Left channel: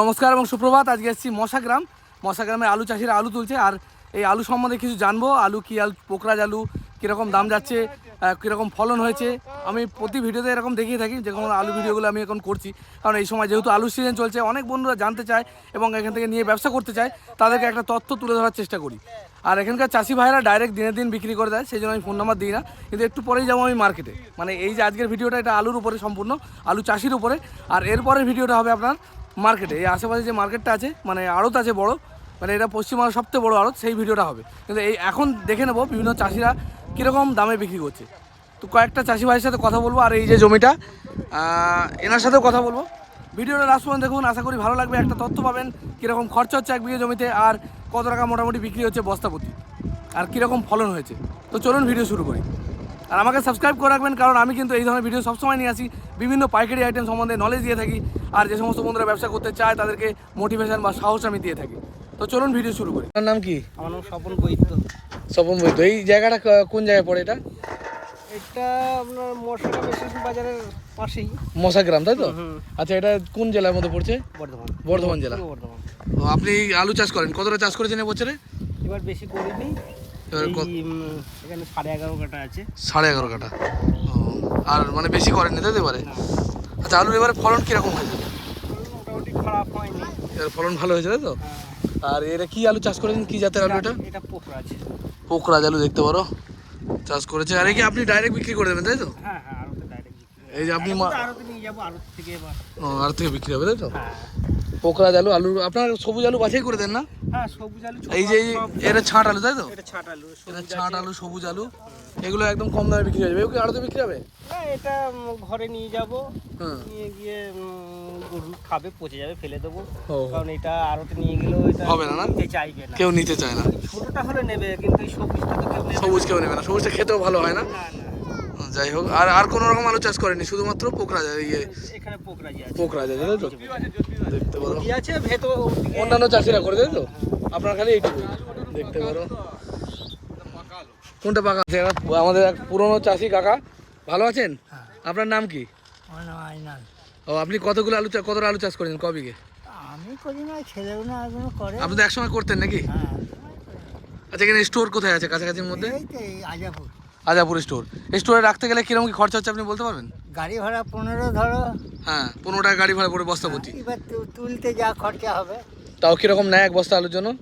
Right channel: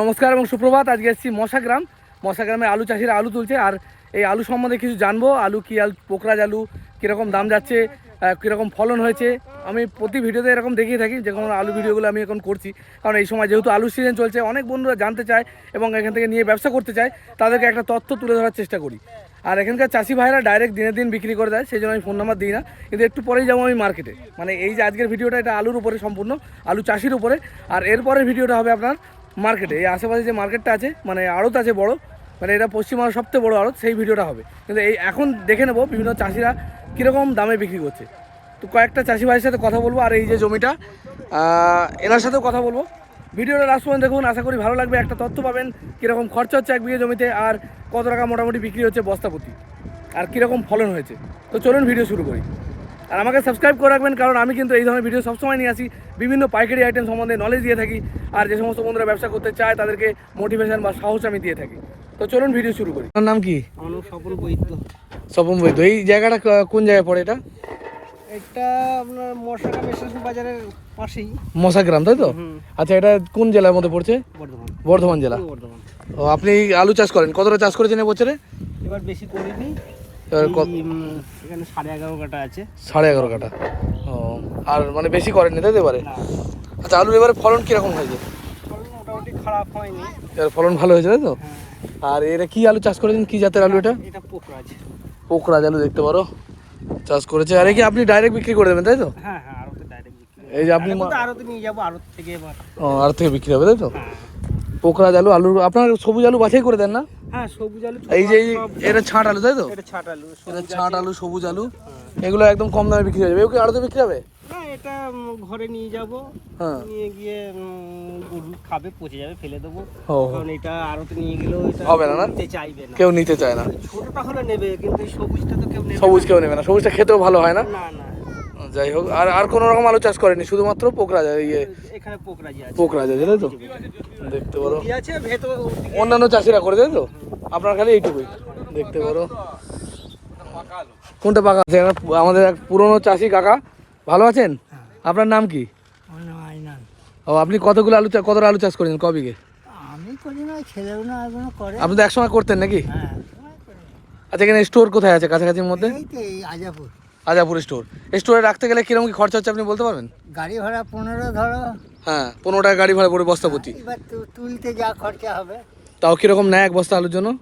নমস্কার এবং সুপ্রভাত। আজকে এসেছি মশাগ্রাম। মশাগ্রামে আলু চাষিরা আলু তুলছে। আর এই আলু সম্বন্ধে কিছু জানব। আলু কি আলু পোকরাজ আলু, কীরকম দাম যাচ্ছে কীরকম ফলন হয়েছে। আমি প্রতি ভিডিওতে এরকম দেখিয়ে থাকি, যে কোনো আলু ভিডিওগুলো আমি এখন করছি। কারণ এই সময় যেহেতু আলু সিজন চলছে, অনেক বন্ধুরা জানতে চায় এবং এখান থেকে নিয়ে ব্যবসা করতে চায়, তাদেরকে একটা তথ্য তুলে ধরার চেষ্টা করি। আর এখানকার চাষি ভাইরা ডাইরেক্ট দিনের দিন বিক্রি করে দেয় সেই জন্য আমি ফোন নাম্বার দিই না। কিন্তু একটু পরেই যাব আমি মার্কেটে মানে এই যে আজকের ভিডিওটা, এটা আলুর উপরে সম্পূর্ণ, আলু চাষির উপরে। আর এরপরের ভিডিওটা হবে আপনার মার্কেটে, এই আশেপাশে যে মার্কেটটা আছে মানে আড়ত আছে বড় মানে এটা পশ্চিমবঙ্গের সবচেয়ে বড় আড়ত, সেই ভিডিওটা হবে। কিন্তু এই এখন দেখে নেব বিভিন্ন চাষিরা কীরকম দামে বিক্রি করছে। তো কয়েকটা চাষি ভাইয়ের সাথে কথা বলব, আর এই যে জমিটা এনার সাথেও কথা বলব। ভিডিওটা লাস্ট পর্যন্ত দেখুন, আশা করি ভালো লাগবে, একটা তথ্য পাবেন, কীরকম খরচা হচ্ছে এক বিঘে জমিতে, আর কত টাকা মোটামুটি বিক্রি হচ্ছে বস্তাপতি, আর কীরকম ফলন হয়েছে। তো চলুন ভিডিও শুরু করি। আর আমাকে সাবস্ক্রাইব করে রাখবেন কারণ আমি কিন্তু এই ধরনের ভিডিও সবসময় নিয়ে আসি। বিভিন্ন পাইকারি আইটেম সম্বন্ধে নলেজ দিয়ে থাকি আর যে সমস্ত বন্ধুরা ব্যবসা করতে চায় তাদেরকে মোটিভেশন বা সাহস আমি দিয়ে থাকি। তো চলুন ভিডিও শুরু করি। আপনার নাম কি? আমার নাম স্বপন বৈদ্য। স্বপন বৈদ্য এই জায়গাটা কোন জায়গায় পড়ে এটা? এটা আপনার বাজারের পাশেই। মশাগ্রাম তাই তো? আচ্ছা এটা কোন জেলার মধ্যে পড়ছে? বর্ধমান। বর্ধমান জেলা। বর্ধমান। ও আপনি আলু চাষ করেন কতটা চাষ করেছেন এবছরে এবার বেশি করিনি এবার এখানে সাড়ে এগারো কাটা আছে। সাড়ে এগারো কাটা ও আর মানে বেশি করেননি তাই এবারে? আচ্ছা আলুর এবারে ফলন কীরকম হয়েছে? মোটামুটি খারাপ হয়নি। এর ফলন ভালো হয়েছে তো? হ্যাঁ। আর এটা কি আলু চাষ করেছেন? কি জাতের আলু এটা এটা? পোকরা পোকরাজ। আলু দেখতে পারো। চাষ করেছে। আর কি আপনি ডাইরেক্ট বিক্রি করে দেবেন তাই তো? হ্যাঁ হ্যাঁ আরোতে ডাইরেক্ট বিক্রি এই যে আপনি মা- নিয়ে যাব আরত থেকে এবার। ও, আর থেকে বিক্রি হবে তাই তো? হ্যাঁ। পোকরাজ আলু আলু আপনার সবুজ আলু বাছাই করে দেন না? হ্যাঁ সবুজ আলু এই যে এটা ছাঁট আলু তাই তো? এটা ছাট আলু এটা ছাঁট আলু সবুজ আলু। এগুলো একদম কম দামে বিক্রি হয়ে যাবে। এগুলো আলুতে বিক্রি হবে? হ্যাঁ এটা ঘরে নিয়ে যাব। হ্যাঁ। নিয়ে গিয়ে গরু খাবে পচে যাবে ফেলে দেবো। কারণ এটা নিয়ে গেলেও হবে না? নিতে চাইবে না। কেউ নিতে চায় না। ছোটটা হলে নেবে কিন্তু সবুজটা তো কেউ সবুজ কেউ নেবে না। সবুজটা খেতেও ভালো হয় না। না না। যাই হোক আর আর কোনো রকম আলু চাষ করেনি শুধুমাত্র পোকরাজ ইয়ে। এখানে যায় আছে। পোকরাজ জানো তো? দেখতে পারো। কি আছে? ভেতর অন্যান্য চাষিরা করে তাই তো? আপনার খালি এইটুকুই দেখতে পারো। কোনটা পাকা? আছে আমাদের এক পুরনো চাষি কাকা ভালো আছেন? আপনার নাম কি? ও আপনি কতগুলো আলু চা- কতটা আলু চাষ করেছেন ক বিঘে আমি করি না ছেলেও না করে। আপনি তো একসময় করতেন নাকি? হ্যাঁ আচ্ছা এখানে স্টোর কোথায় আছে কাছাকাছির মধ্যে? এই এই আজাপুর। আজাপুর স্টোর। স্টোরে রাখতে গেলে কীরকম কি খরচা হচ্ছে আপনি বলতে পারবেন? গাড়ি ভাড়া পনেরো ধরো। হ্যাঁ পনেরো টাকা গাড়ি ভাড়া পড়ে বস্তাপতি। এবার তু- তুলতে যা খরচা হবে। তাও কীরকম নেয় এক বস্তা আলুর জন্য?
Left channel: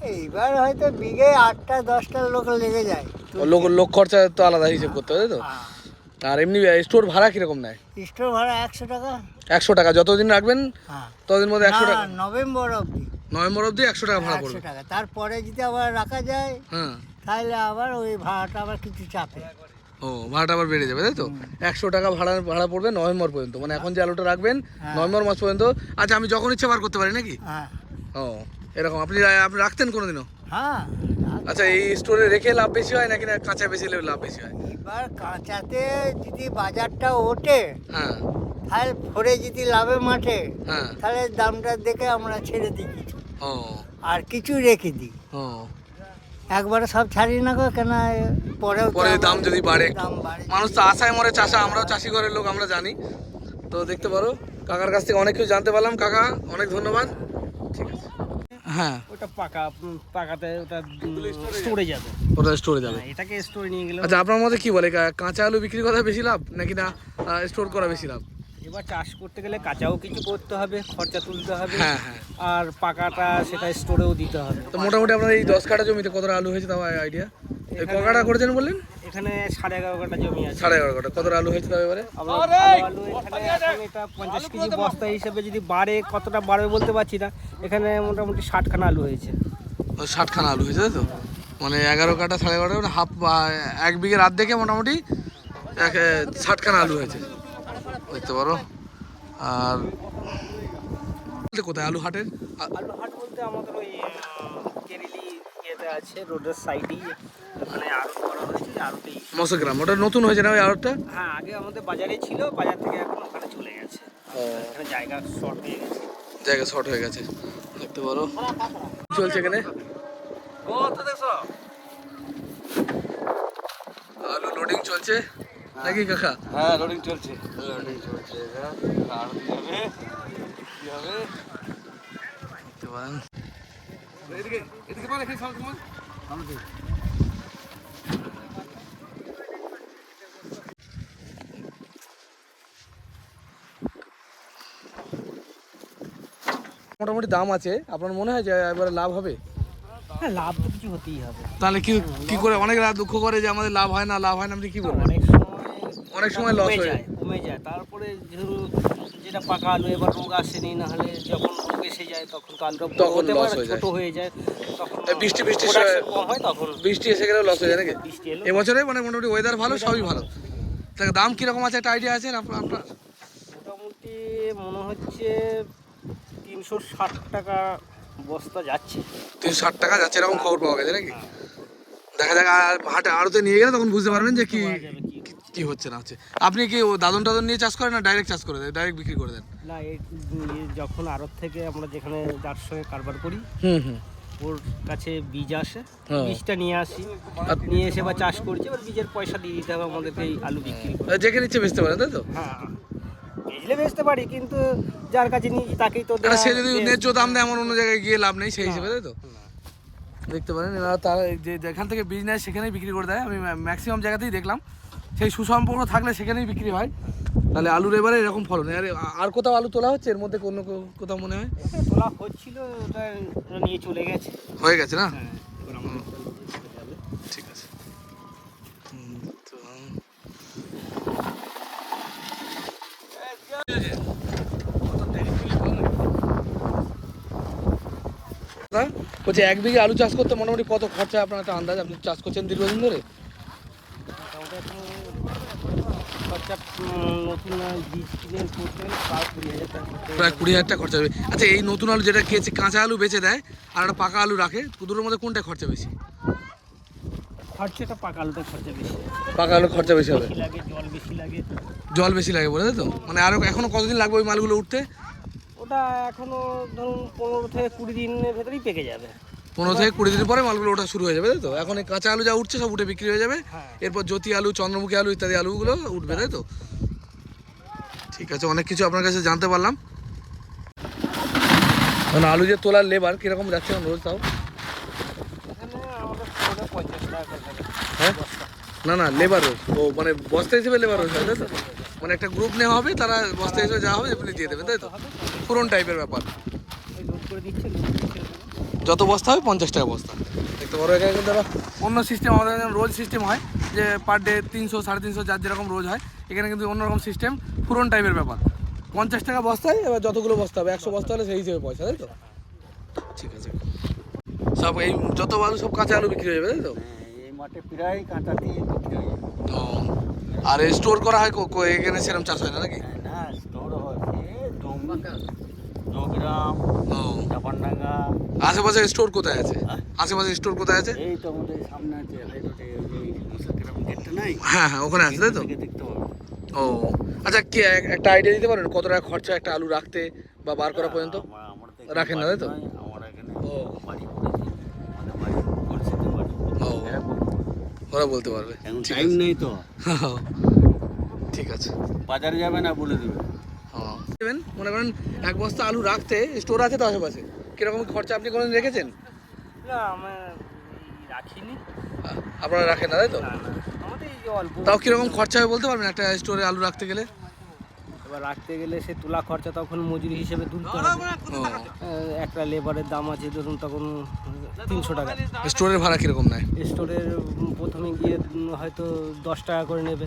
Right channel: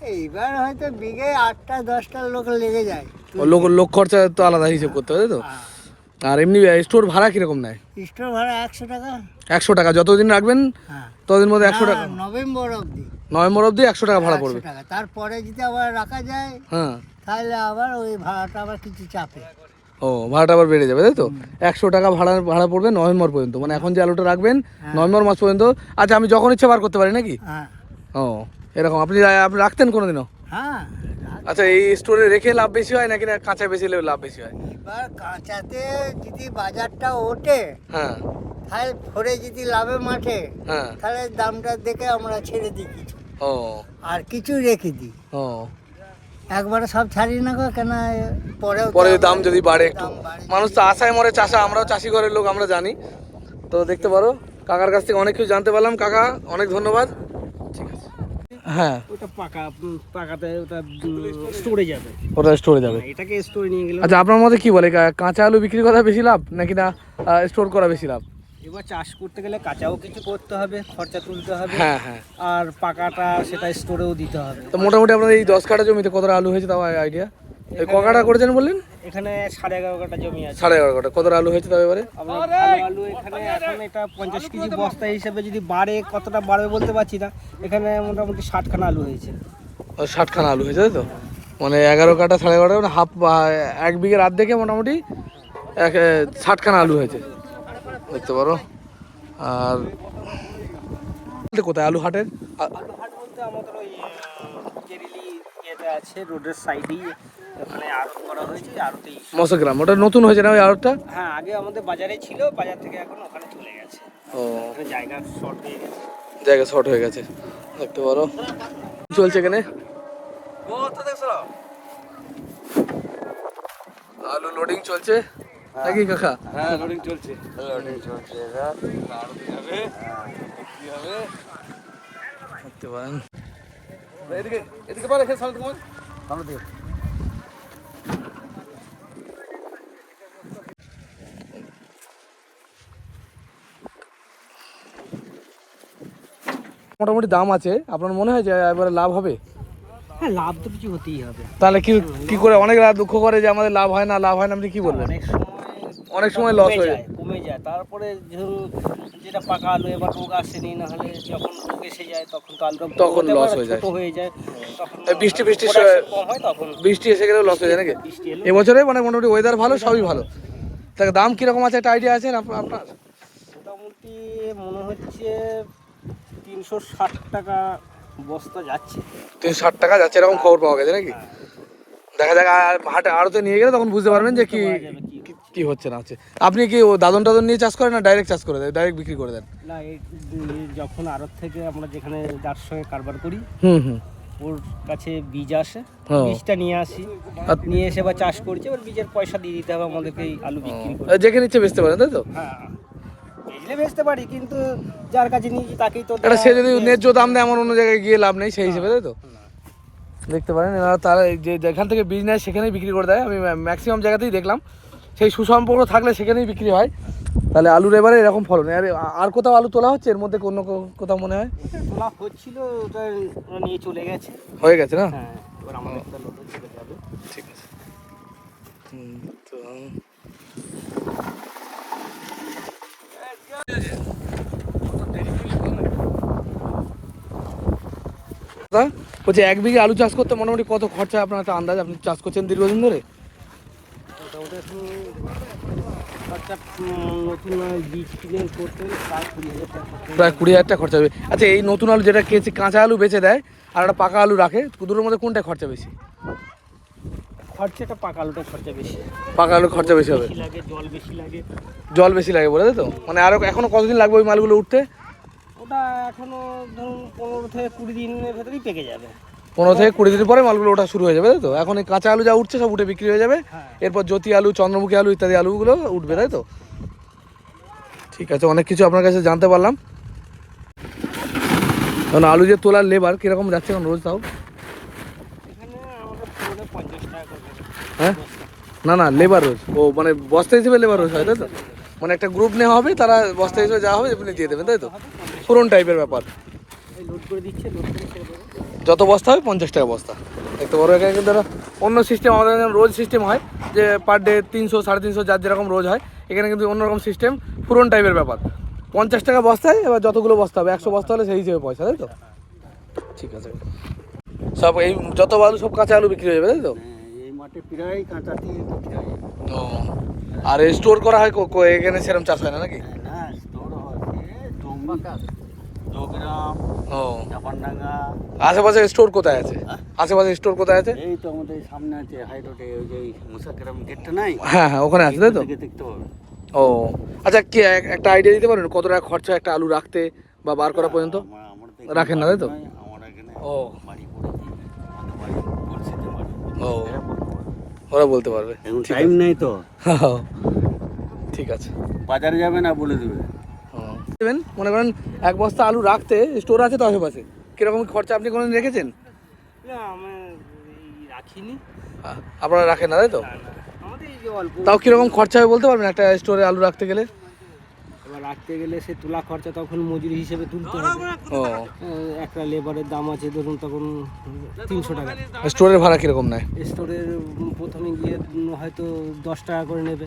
এইবার হয়তো বিঘে আটটা দশটা লোক লেগে যায়। ও লোক লোক খরচা তো আলাদা হিসেব করতে হবে তো? আর এমনি স্টোর ভাড়া কীরকম নেয়? স্টোর ভাড়া একশো টাকা। একশো টাকা যতদিন রাখবেন হ্যাঁ। ততদিন মধ্যে একশো না, টাকা। নভেম্বর অবধি। নভেম্বর অবধি একশো টাকা ভাড়া পড়বে। টাকা। তারপরে যদি আবার রাখা যায় হ্যাঁ। তাহলে আবার ওই ভাড়াটা আবার কিছু চাপে। ও ভাড়াটা আবার বেড়ে যাবে তাই তো? একশো টাকা ভাড়া ভাড়া পড়বে নভেম্বর পর্যন্ত। মানে এখন যে আলুটা রাখবেন নভেম্বর মাস পর্যন্ত। আচ্ছা আমি যখন ইচ্ছে বার করতে পারি নাকি? হ্যাঁ। ও এরকম। আপনি আপনি রাখতেন কোনোদিনও? হ্যাঁ আচ্ছা এই স্টোরে রেখে লাভ বেশি হয় নাকি না কাঁচা বেশি লাভ বেশি হয়? এবার কাঁচাতে যদি বাজারটা ওঠে হ্যাঁ। তাহলে ভরে যদি লাভে মাঠে হ্যাঁ। তাহলে দামটা দেখে আমরা ছেড়ে দিই কিছু। ও। আর কিছু রেখে দিই। ও। একবারে সব ছাড়ি না গো কেন পরে পরে দাম যদি বাড়ে একটু। মানুষ তো আশায় মরে চাষা আমরাও চাষি ঘরের লোক আমরা জানি। তো দেখতে পারো কাকার কাছ থেকে অনেক কিছু জানতে পারলাম। কাকা অনেক ধন্যবাদ। হ্যাঁ। ওটা পাকা পাকাতে ওটা স্টোরে যাবে। ওটা স্টোরে যাবে। এটাকে স্টোরে নিয়ে গেলে আচ্ছা আপনার মধ্যে কি বলে কা- কাঁচা আলু বিক্রি করা বেশি লাভ নাকি না স্টোর করা বেশি লাভ? এবার চাষ করতে গেলে কাঁচাও কিছু করতে হবে খরচা তুলতে হবে হ্যাঁ হ্যাঁ। আর পাকাটা সেটা স্টোরেও দিতে হবে। তো মোটামুটি আপনাদের এই দশ কাঠা জমিতে কতটা আলু হয়েছে তাও আইডিয়া? এই ক কাঠা করেছেন বললেন? এখানে সাড়ে এগারো কাটা জমি আছে। সাড়ে এগারো কাঠা। কতটা আলু হয়েছে তাও এবারে? ভালো আলু এখানে এখন এটা পঞ্চাশ কেজি বস্তা হিসেবে যদি বাড়ে কতটা বাড়বে বলতে পারছি না। এখানে মোটামুটি ষাটখানা আলু হয়েছে। ষাটখানা আলু হয়েছে তাই তো? মানে এগারো কাঠা সাড়ে এগারো মানে হাফ এক বিঘের রাত দেখে মোটামুটি এক ষাটখানা আলু হয়েছে। দেখতে পারো। আর বলতে কোথায়? আলু হাটের আলু হাট বলতে আমাদের ওই কেরিলি ইয়েতে আছে রোডের সাইডেই ওখানে আড়ত করা হয়েছে আড়তেই। মশগ্রাম ওটা নতুন হয়েছে না ওই আড়তটা? হ্যাঁ আগে আমাদের বাজারে ছিল বাজার থেকে এখন ওখানে চলে গেছে। জায়গা শর্ট হয়ে গেছে। জায়গা শর্ট হয়ে গেছে দেখতে পারো। চলছে এখানে? কত দেখছ? আলু লোডিং চলছে। নাকি কাকা। হ্যাঁ লোডিং চলছে। লোডিং চলছে। এবার আরও তো যাবে কি হবে? দেখতে পারেন এদিকে এদিকে পারে এখানে সামনে তোমার। সামনে দিয়ে মোটামুটি দাম আছে। আপনার মনে হয় যে এবারে লাভ হবে? হ্যাঁ লাভ তো কিছু হতেই হবে। তাহলে কি কি করে অনেক রাত দুঃখ করে যে আমাদের লাভ হয় না লাভ হয় না আপনি কি বলবেন? অনেক সময় লস হয়ে যায় কমে যায়। তারপরে যেটা পাকা আলু এবার রোগ আসেনি না হলে যখন রোগ এসে যায় তখন তো বড় তখন হয়ে ছোট হয়ে যায় তখন বৃষ্টি বৃষ্টি হয় তখন বৃষ্টি এসে গেলে লস হয়ে যায় নাকি? এবছরে মানে মোটামুটি ওয়েদার ভালো সবই ভালো। তাকে দাম কীরকম আছে? একটা আইডিয়া আছে আপ- আপনার? মোটামুটি মনে হচ্ছে তিনশো ষাট টাকা বস্তা যাচ্ছে। তিনশো ষাট টাকা যাচ্ছে এরকম খবর পাওয়া গেছে নাকি? দেখা যাক আর হাটে আড়তে নিয়ে গেলে তখন বুঝতে পারবেন যে কি কি হচ্ছে না হচ্ছে? আপনি কি ও দাদন টাদন নিয়ে চাষ করেন না ডাইরেক্ট চাষ করে দেন? ডাইরেক্ট বিক্রি করে দেন? না এই যখন আড়ত থেকে আমরা যেখানে যার সঙ্গে কারবার করি হুম হুম। ওর কাছে বীজ আসে। বীজটা নিয়ে আসি। নিয়ে এসে বা চাষ করছি এবার বীজের পয়সা দিয়ে দিতে হবে আমাদেরকে এই আলু বিক্রি করে। যেখানে ইচ্ছে বেচতে পারেন তাই তো? হ্যাঁ। বেচলে বেচতে পারি কিন্তু যার কাছে নিয়েছি তাকেই তো এটা সে যদি ন্যায্য দাম দেয় এমন অন্য জায়গায় গিয়ে লাভ নেই সেই হিসেবে তাই তো? দেখতে পারেন এরা তারা যে যেখান থেকে বীজ নেয় সেখানেই বিক্রি করে দেয়। আমি ম্যাক্সিমাম জায়গাতেই দেখলাম। সেই সুসম্পর্ক থাকলে সেখানেই বিক্রি হয়। তাহলে আলুর এবারে এরকম ফলন। আর আর কোথাও আলু তোলা হচ্ছে? এর মধ্যে অন্য কোথাও মনে হয়? তোলা হচ্ছিল ওটা নিয়ে চলে গেছে। হয়ে গেছে না? হ্যাঁ ঠিক আছে। তো বলছি এক বিঘে আলু চাষ করতে মোটামুটি কত খরচা আপনার একটা আন্দাজ? আপনি চাষ করছেন দীর্ঘদিন ধরে? খরচা নতুন বীজ কিনে করতে প্রায় কুড়ি হাজার টাকা খরচা হবে। প্রায় কুড়ি হাজার টাকা খরচা হবে আচ্ছা এই নতুন আলু যেটা কেচে কাঁচা আলু বেচে দেয় আর একটা পাকা আলু রাখে দুটোর মধ্যে কোনটা খরচা বেশি? খরচাটা পাকা আলুটা খরচা বেশি। পাকা আলু খরচা বেশি হবে? লাগে জল বেশি লাগে। জল বেশি লাগে বলে তো? মানে আরও এখনও কতদিন লাগবে ওই মালগুলো উঠতে? ওটা এখনও ধরুন পনেরো থেকে কুড়ি দিনের ভেতরেই পেকে যাবে। পনেরো থেকে কুড়ি দিন পরে মালগুলো ওঠা শুরু হয়ে যাবে তাই তো? এখন এই কাঁচা আলু যা উঠছে সব উঠে বিক্রি হয়ে যাবে। হ্যাঁ। এরপর জ্যোতি আলু চন্দ্রমুখী আলু ইত্যাদি আলুগুলো উঠবে তাই তো? ঠিক আছে অনেক কিছু আপনার কাছে জানতে পারলাম। মানে আলু যে তোলার লেবার কীরকম যাচ্ছে এখন রোজ তাও। হ্যাঁ? না না লেবার রোজ। ও মানে বস্তা হিসেবে লেবার রোজ হয় তাই তো? মানে একটা গ্রুপ নেওয়া হবে তারা বস্তা হিসেবে যা হবে আপনি দিয়ে দেবেন তাই তো? পুরন টাইপের ব্যাপার। লোড করে দিচ্ছে লোড করে যত বস্তা হবে পঞ্চাশ টাকা বস্তা। একটা বড় এখানে কিন্তু অন্য সিস্টেম আমাদের এখানে রোজ সিস্টেম হয় যে পার ডে তিনশো সাড়ে তিনশো যার যেরকম রোজ হয় এখানে কিন্তু অন্যরকম সিস্টেম পুরন টাইপের ব্যাপার। পঞ্চাশ টাকা বস্তায় এবার যতগুলো বস্তা হবে একশো বস্তা হলে সেই হিসেবে পয়সা তাই তো? ঠিক আছে। সব এই যত আলু সব কাঁচা আলু বিক্রি হয়ে যাবে তাই তো? হয় আর স্টোর করা হয় এখানে সেরকম চাষ হয় না নাকি? ও। চাপানডাঙ্গা। আশেপাশে স্টোর কোথায় আছে? হ্যাঁ? আশেপাশে স্টোর কোথায় আছে? এই তো আমাদের সামনে আছে হাই রোডে ওই যে মুসাকেরাম গেটটা নাই? হ্যাঁ হ্যাঁ ওখানে আছে তাই তো? দেখতে পাবো। ও আচ্ছা কি এক- একটা আইডিয়া দিতে পারেন? কত টাকা খরচা একটা আলু রাখতে বা বার করা পর্যন্ত? রাখেন না, তাই তো? আমরা এখানে ও। বাড়ি ও। ওরা বলতে পারবে। এখন টাইম আছে। তো। ঠিক আছে। বাজারে যাবে না বলে দেবে। দেবেন? মনে করেন এক বস্তা আলু রাখতে স্টোর আছে তো আশেপাশে? কীরকম খরচা আপনি কোনোদিন রেখেছেন? না আমরা রাখিনি। আপনারা রাখেন না তাই তো? তাও কীরকম খরচা হবে বলতে পারবেন একটা স্টোরে আলু রাখতে গেলে? এবার রাখতে গেলে সে তোলা খরচা তখন মজুরি হিসেবে তুলতে হবে। ও। একটা লেবারের দাম আছে ধরুন তখন তিনশো টাকা। স্টোরের ভাড়া কীরকম নেয়? স্টোরের প্রথমে গিয়ে হয়তো দশ টাকা করে নেবে।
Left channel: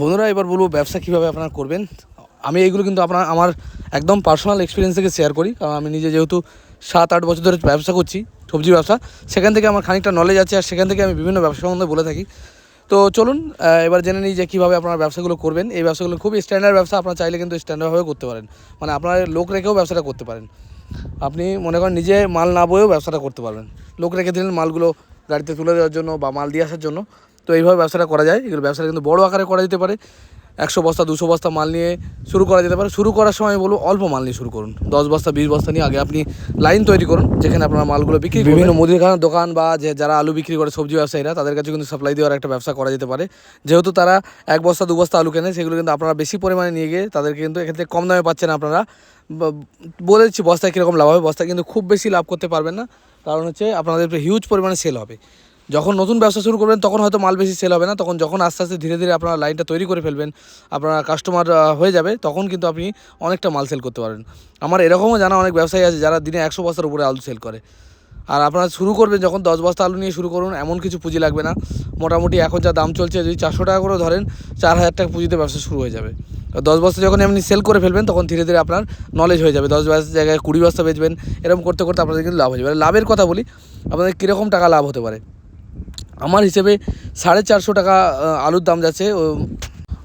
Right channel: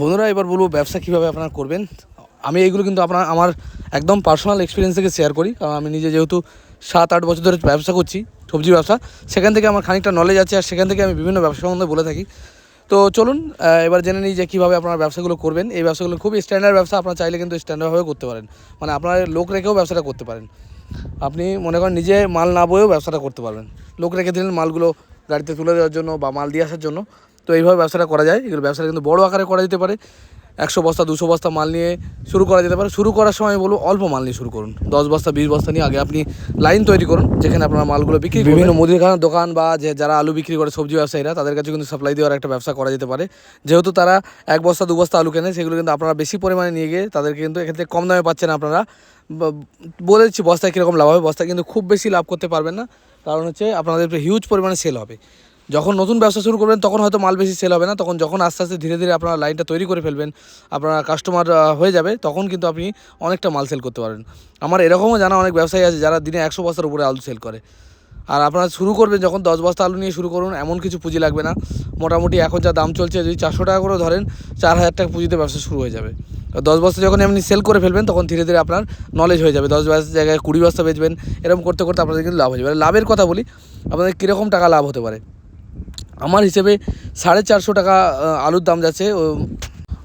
বন্ধুরা, এবার বলব ব্যবসা কীভাবে আপনারা করবেন। আমি এইগুলো কিন্তু আপনার, আমার একদম পার্সোনাল এক্সপিরিয়েন্স থেকে শেয়ার করি। কারণ আমি নিজে যেহেতু সাত, আট বছর ধরে ব্যবসা করছি, সবজি ব্যবসা, সেখান থেকে আমার খানিকটা নলেজ আছে আর সেখান থেকে আমি বিভিন্ন ব্যবসা সম্বন্ধে বলে থাকি। তো চলুন এবার জেনে নিই যে কীভাবে আপনারা ব্যবসাগুলো করবেন। এই ব্যবসাগুলো খুবই স্ট্যান্ডার্ড ব্যবসা, আপনারা চাইলে কিন্তু স্ট্যান্ডার্ডভাবে করতে পারেন। মানে আপনারা লোক রেখেও ব্যবসাটা করতে পারেন। আপনি মনে করেন নিজে মাল না বয়েও ব্যবসাটা করতে পারবেন। লোক রেখে দিলেন মালগুলো গাড়িতে তুলে দেওয়ার জন্য বা মাল দিয়ে আসার জন্য। তো এইভাবে ব্যবসাটা করা যায়। এগুলো ব্যবসাটা কিন্তু বড় আকারে করা যেতে পারে। একশো বস্তা, দুশো বস্তা মাল নিয়ে শুরু করা যেতে পারে। শুরু করার সময় বলব, অল্প মাল নিয়ে শুরু করুন। দশ বস্তা, বিশ বস্তা নিয়ে আগে আপনি লাইন তৈরি করুন, যেখানে আপনার মালগুলো বিক্রি। বিভিন্ন মুদিখানার দোকান বা যে যারা আলু বিক্রি করে, সবজি ব্যবসায়ীরা, তাদের কাছে কিন্তু সাপ্লাই দেওয়ার একটা ব্যবসা করা যেতে পারে। যেহেতু তারা এক বস্তা, দু বস্তা আলু কেনে, সেগুলো কিন্তু আপনারা বেশি পরিমাণে নিয়ে গিয়ে তাদেরকে কিন্তু এক্ষেত্রে কম দামে পাচ্ছেন আপনারা। বলে দিচ্ছি, বস্তায় কীরকম লাভ হবে? বস্তায় কিন্তু খুব বেশি লাভ করতে পারবেন না। কারণ হচ্ছে আপনাদের হিউজ পরিমাণে সেল হবে। যখন নতুন ব্যবসা শুরু করবেন, তখন হয়তো মাল বেশি সেল হবে না। তখন যখন আস্তে আস্তে ধীরে ধীরে আপনারা লাইনটা তৈরি করে ফেলবেন, আপনার কাস্টমার হয়ে যাবে, তখন কিন্তু আপনি অনেকটা মাল সেল করতে পারবেন। আমার এরকমও জানা অনেক ব্যবসায়ী আছে, যারা দিনে একশো বস্তার উপরে আলু সেল করে। আর আপনারা শুরু করবেন যখন দশ বস্তা আলু নিয়ে শুরু করুন, এমন কিছু পুঁজি লাগবে না। মোটামুটি এখন যা দাম চলছে, যদি চারশো টাকা করে ধরেন, চার হাজার টাকা পুঁজিতে ব্যবসা শুরু হয়ে যাবে। দশ বস্তা যখন আপনি সেল করে ফেলবেন, তখন ধীরে ধীরে আপনার নলেজ হয়ে যাবে। দশ বস্তার জায়গায় কুড়ি বস্তা বেচবেন, এরকম করতে করতে আপনাদের কিন্তু লাভ হয়ে যাবে। লাভের কথা বলি, আপনাদের কীরকম টাকা লাভ হতে পারে? আমার হিসেবে সাড়ে চারশো টাকা আলুর দাম যাচ্ছে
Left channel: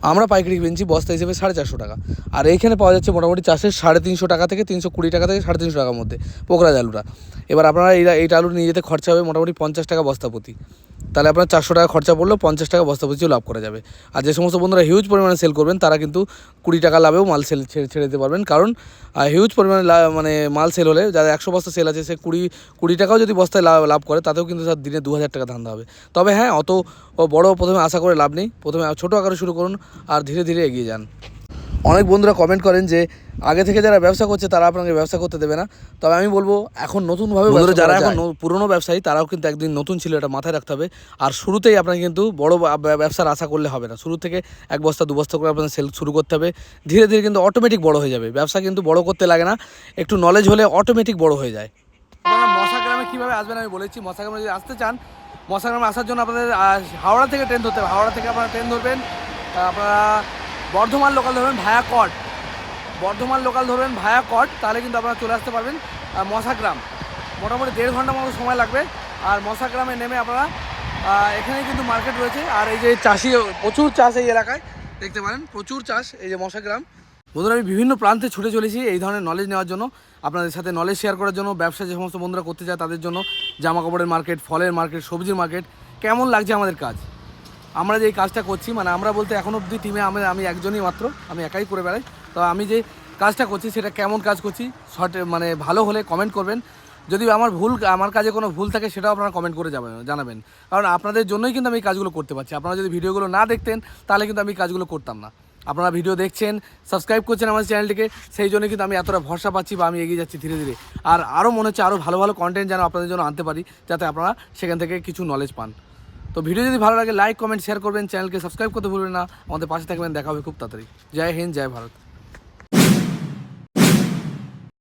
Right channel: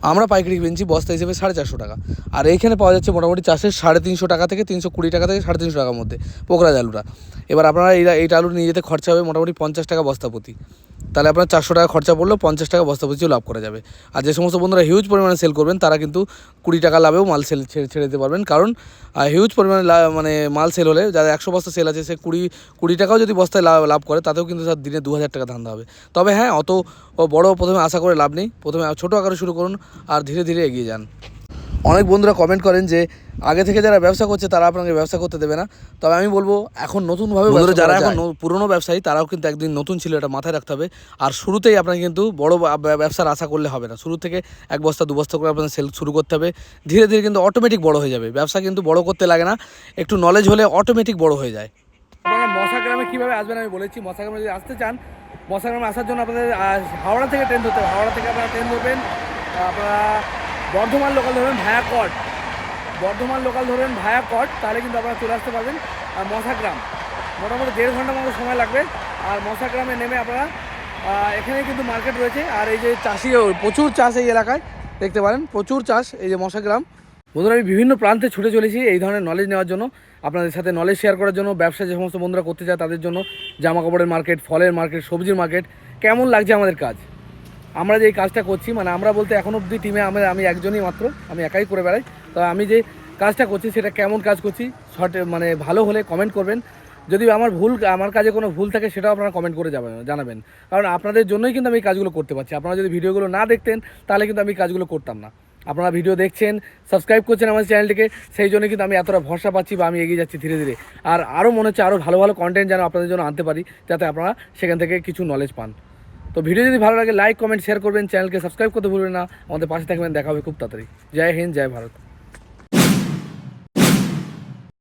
আমরা পাইকারি কিনছি, বস্তা হিসেবে সাড়ে চারশো টাকা। আর এইখানে পাওয়া যাচ্ছে মোটামুটি চাষের সাড়ে তিনশো টাকা থেকে তিনশো কুড়ি টাকা থেকে সাড়ে তিনশো টাকার মধ্যে পোকরাজ আলুটা এবার আপনারা এই এইটা আলু নিয়ে যেতে খরচা হবে মোটামুটি পঞ্চাশ টাকা বস্তা প্রতি। তাহলে আপনার চারশো টাকা খরচা পড়লেও পঞ্চাশ টাকা বস্তা প্রতিও লাভ করা যাবে। আর যে সমস্ত বন্ধুরা হিউজ পরিমাণে সেল করবেন, তারা কিন্তু কুড়ি টাকা লাভেও মাল সেল ছেড়ে ছেড়ে দিতে পারবেন। কারণ হিউজ পরিমাণে মানে মাল সেল হলে যাদের একশো বস্তা সেল আছে, সে কুড়ি কুড়ি টাকাও যদি বস্তায় লাভ লাভ করে, তাতেও কিন্তু তার দিনে দু হাজার টাকা ধান্দা হবে। তবে হ্যাঁ অত বড় প্রথমে আশা করে লাভ নেই। প্রথমে ছোটো আকারে শুরু করুন আর ধীরে ধীরে এগিয়ে যান। অনেক বন্ধুরা কমেন্ট করেন যে আগে থেকে যারা ব্যবসা করছে তারা আপনাকে ব্যবসা করতে দেবে না। তবে আমি বলব এখন নতুনভাবে বন্ধুরা যারা এখন পুরনো ব্যবসায়ী তারাও কিন্তু একদিন নতুন ছিল এটা মাথায় রাখতে হবে। আর শুরুতেই আপনাকে কিন্তু বড় ব্যবসার আশা করলে হবে না। শুরু থেকে এক বস্তা দু বস্তা করে আপনার সেল শুরু করতে হবে। ধীরে ধীরে কিন্তু অটোমেটিক বড় হয়ে যাবে। ব্যবসা কিন্তু বড় করতে লাগে না। একটু নলেজ হলে অটোমেটিক বড় হয়ে যায়। আপনারা মশা গ্রামে কীভাবে আসবেন আমি বলেছি। মশা গ্রামে যদি আসতে চান মশা গ্রামে আসার জন্য আপনাদের হাওড়া থেকে ট্রেন ধরতে হবে। হাওড়া থেকে আপনারা ট্রেন ধরবেন। আপনারা বর্ধমান লোকাল ধরবেন ভায়া কট বর্ধমান লোকাল ধরবেন ভায়া কট তাহলে কিন্তু আপনারা চলে আসতে পারবেন মশাগ্রাম। মোটামুটি দেড় ঘণ্টা মতো সময় লাগবে, আর মশাগ্রামে নেমে আপনারা এখানে কিন্তু মার্কেট রয়েছে, আর এই যে চাষি প্রচুর চাষ এই এলাকায়, দেখতে পারেন, প্রচুর চাষ এই যে মশাগ্রাম। বন্ধুরা, আমি বিভিন্ন প্রান্তে ছুটে চলেছি এই ধরনের নলেজ নেওয়ার জন্য, আপনাদের সাথে নলেজ শেয়ার করার জন্য, ব্যবসা যে সমস্ত বন্ধুরা করতে চায় তাদের জন্য জামা কাপড়ের মার্কেট ফলের মার্কেট সবজির মার্কেট কেমন লাগছে আমাদের কাজ? আমরা যে এই কাজটা করছি মানে আমরা বলতে এখন অবধি টিমে আমি আমি একজনই মাত্র, আমি একাই করে বেড়াই। তো আমি যে কাজটা করছি, সেটা কেমন কাজ করছি শর্ট মানে ভালো হলে কমেন্ট করবেন। যদি আমার ভুল, আমার কাজে কোনো ভুল থাকে, সেটাও আপনারা কমেন্ট করে যাবেন জানাবেন। কারণ আপনাদের জন্যই কিন্তু আমি কাজগুলো করতে পারছি। আপনারা যদি ভিডিওগুলো না দেখতেন, তাহলে কিন্তু আমি কাজগুলো করতাম না। আপনারা ভিডিও দেখছেন সাবস্ক্রাইব করছেন আমার চ্যানেলটিকে, সেই জন্য কিন্তু আমি এতটা ভরসা পাচ্ছি বা আমি এগিয়ে যাচ্ছি ধীরে ধীরে। আর আরও মনে হচ্ছে আরও ভালো ভালো কন্টেন্ট যেন আপনাদের জন্য আনতে পারি, যাতে আপনারা সেখান থেকে কিছু নলেজ পান। তো ভিডিও যদি ভালো লাগে লাইক কমেন্ট শেয়ার করবেন চ্যানেলকে সাবস্ক্রাইব করতে ভুলবেন না। আমাদের পাশে থাকবেন, দেখা হবে খুব তাড়াতাড়ি। জয় হিন্দ, জয় ভারত।